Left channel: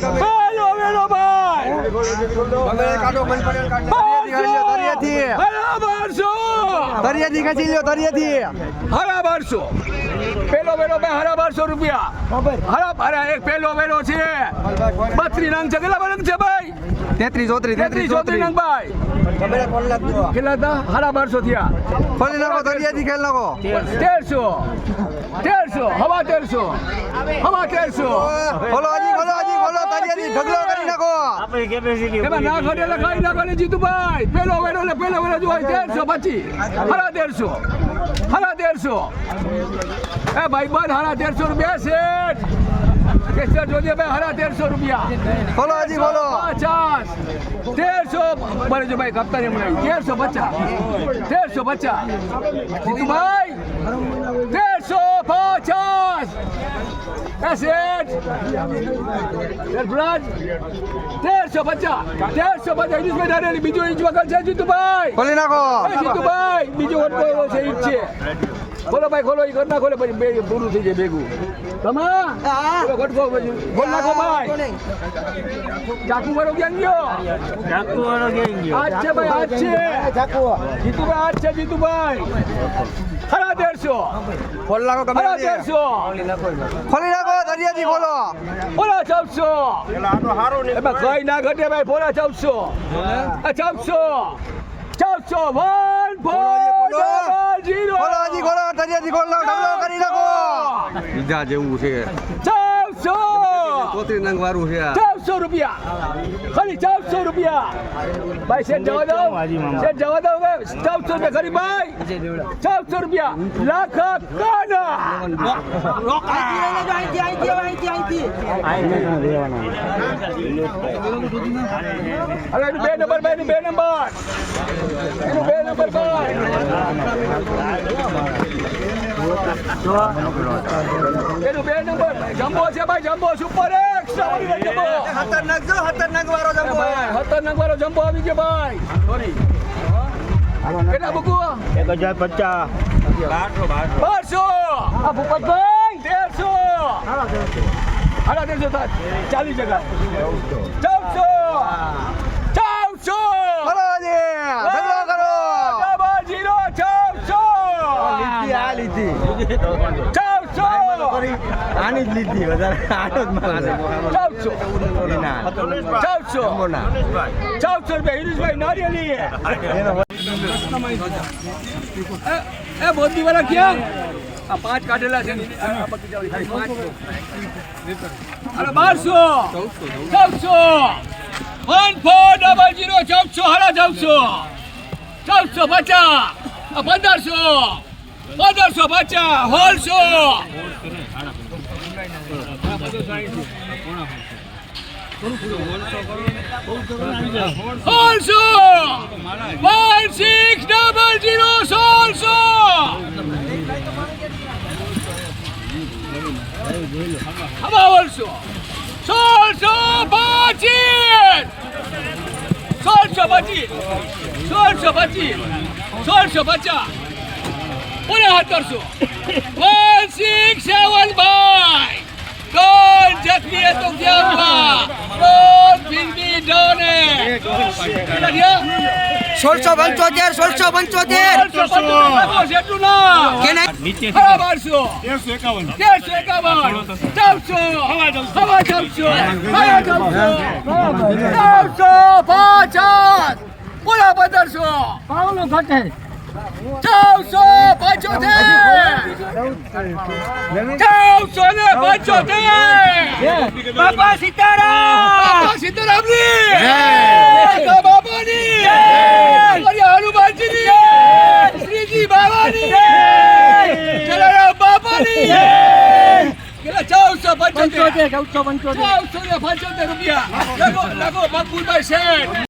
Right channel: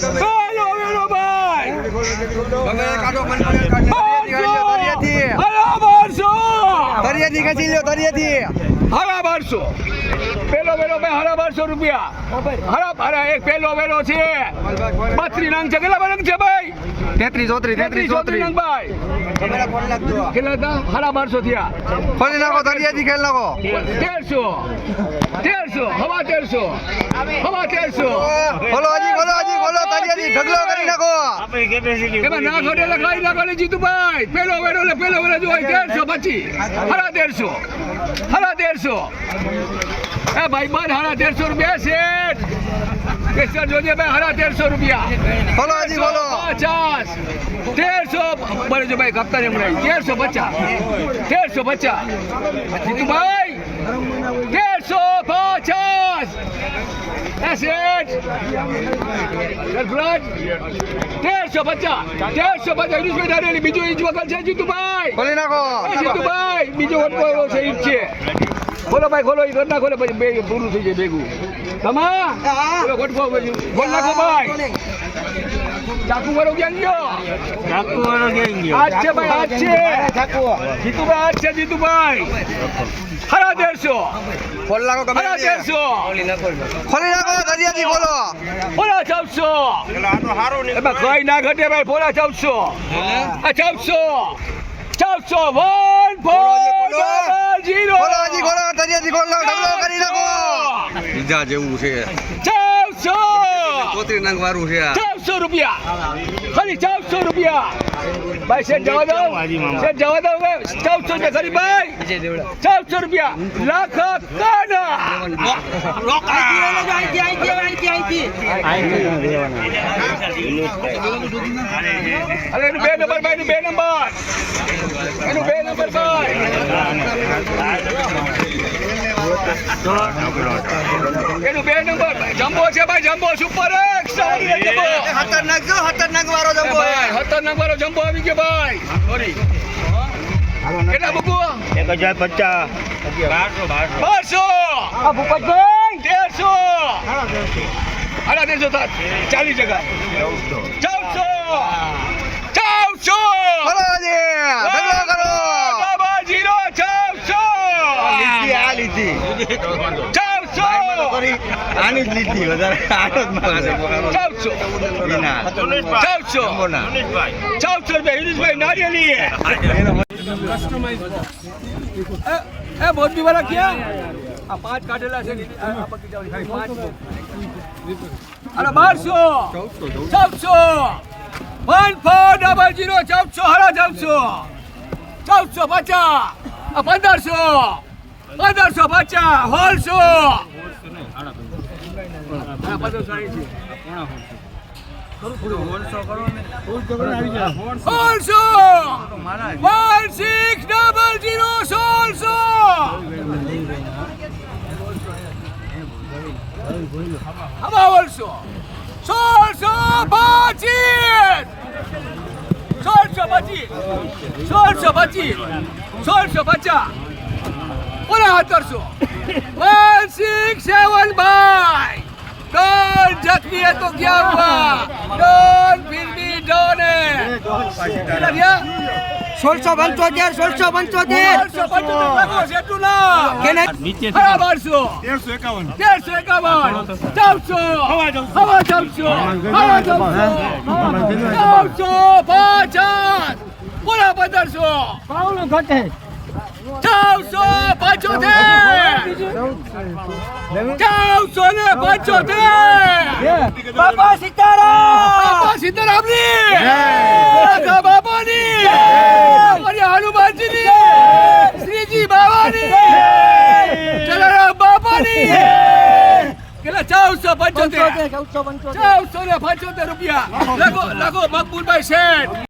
પેલો વેલો ભાઈ. હરા બારસો દરિયાથી ખેંચી લ્યો દરિયાથી હરા બારસો પેલો વેલો ભાઈ હરા બારસો રૂપિયા. હરા હરા એક પેલો વેલો છે. બત્રી નંગ છે. કેટલા રંગ છે ભાઈ? તેત્રીસ ચોત્રીસ તેત્રીસ ચોત્રીસ. નંગ ભાઈ. કેટલા હતા? હરા બારસો થયા. ફરી નાખો દરિયાથી ખેલ નાખો. તેરસો. તેરસો. હવા તેરસો. હવા તેરસો. હજી ખોલો આજી ખોલો દરિયાથી ઢગલો કરી નાખો. એમાં ના ખોટે લખાઈ ના કરે જીતુભાઈ. પેલો વેડો ને પેલો વેડો જો હોય તેરસો પછી. હરા તેરસો. હરા તેરસો. એ ભાઈ બંધ હરા તેરસો રૂપિયા શેઠ કેસર જોજે ભાઈ હરા તેરસો રૂપિયા. બોલો હજી બોલો. પચાસ. તેરસો બરે જો ભાઈ કપ્તાન એમ નહીં તેરસો પચાસ. તેરસો પચાસ. જીતુભાઈ. પચાસ તેરસો પચાસ તેરસો પચાસ યુનુસભાઈ ધારેલી બીજો ઇંચ વગર છે જીતુભાઈ ખોલી નાખો જીતુભાઈ બીજો વટકો એવો છે જ છે ખોલો ભાઈ ખોલો ઈ ઘરના ખોલે પછી બે પૂરું થઈ જાય ભેગું. તમા પછી. ખોલ નાખો ભાઈ. ચાકુ વાળો ક્યાં ગયો? આજ છે ભાઈ આજ છે. જીતુભાઈ આજ છે જીતુભાઈ. ખરા તેરસો ખોલ નાખો ખરા તેરસો ખોલી નાખો દરિયાથી ખોલો પોલા ચૌદસો એમાં કઈ ના ઘટે ભાઈ પોલા ચૌદસો આ ચૌદસો ચૌદસો વન જીરો કરી નાખો બીજા જેવું છે. ચૌદસો ચોત્રીસ નંગ વાળું છે ચૌદસો રૂપિયા. ખાલી ચારસો રૂપિયા. ભાઈ શેઠ જવા દો. શેઠ જવા દો હવે ચૌદસો રૂપિયા ખરી ભાઈ. ચારસો રૂપિયા. લાખ કાના. અરે એનું બે નંબર ભાઈ એનું બે નંબર. એનું બે નંબર ભાઈ. એનું બે નંબર જમ્બો છે ભાઈ જમ્બો. Super x jumbo. ભાઈ ખતરનાક વાળો જમ્બો આવી ગયો ભાઈ. સોરી કેટલા મૂકવું એક હજાર પચાસ બારસો તેરસો. અરે તેરસો. થાય ચાલીસ ચૌદસો ખોલો હજી ઢગલો કરો ડબલ જીરો ચૌદસો આ ચૌદસો આની જ લીધી વધારે. ચૌદસો વિના. ચૌદસો રૂપિયા યુનુસભાઈ નારિયેલી એ મોદી વાળા ક્યાં? આ પાંચ કાઢેલા છે. અરે બારસો. ચૌદસો વન ફોર ડબલ જીરો ચૌદસો હરા ચૌદસો ચૌદસો પચાસ. આ પંદરસો. પંદરસો પચાસ હોલસો સોળસો વન સિક્સ ડબલ જીરો સોળસો અમાવલસો સોળસો પચીસ. સોળસો પચીસ. સોળસો પચીસ. સોળસો પચાસ. પુનઃ સત્તરસો વન સિક્સ સેવન બાય. ડોન જખમી હે તો ક્યાં હુઆ? ડોન ભી ડોન? સોળસો પંચોતેર સોળસો પંચોતેર. પૂરા પંદરસો. ચૌદસો પંચોતેર ચૌદસો ને પંચોતેર. બાપા સીતારામ બાપા સીતારામની કાકા બાપાની કાકરિયા હનુમાનજીની શ્રીજી બાવાની જલારામ બાપાની કેટલા ચૌદસો પંચોતેર ચૌદસો ને પંચોતેર રૂપિયા. લખો લખો મકબૂલભાઈ શેઠ.